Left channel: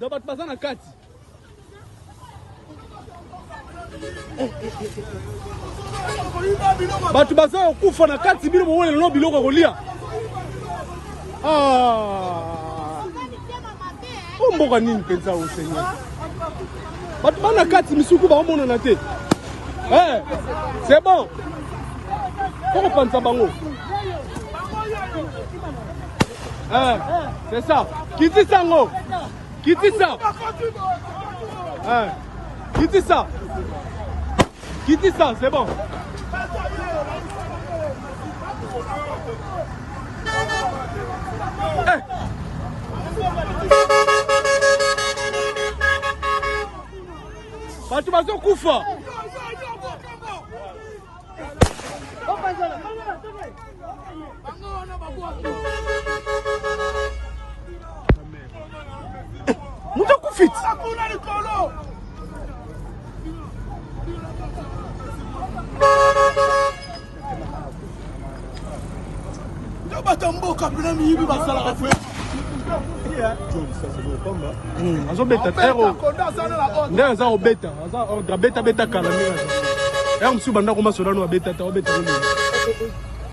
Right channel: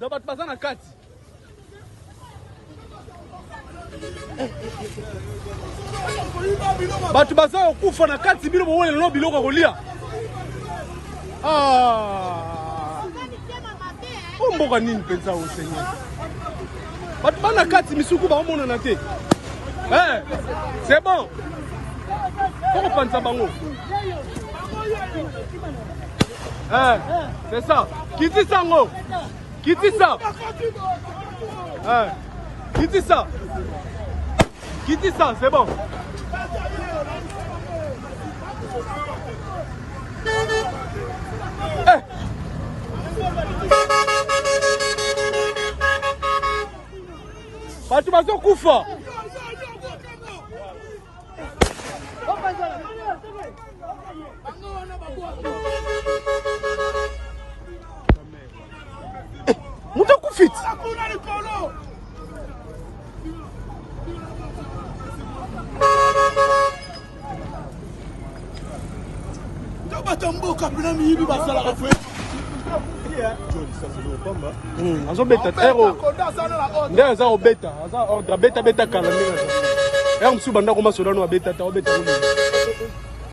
da bato baza na kati. Bato baza okufa na kati bino bowele lelo biloko kolia. Mboka nini penza o Seigneur. Bato bana kati misuku baomona na te. C'est bon. Pourquoi pensa bango? C'est ça. Qui dit ça, ngo? Qui dit ça? Qui dit ça? Qui dit ça? C'est bon. Batu bazo kufa. Muta kufit. Batamboka bila miyibi basala ko. Azobeta tero. Ndaza obeta, aza beta kala. Ya msuba ndako masola no abeta ta obeta.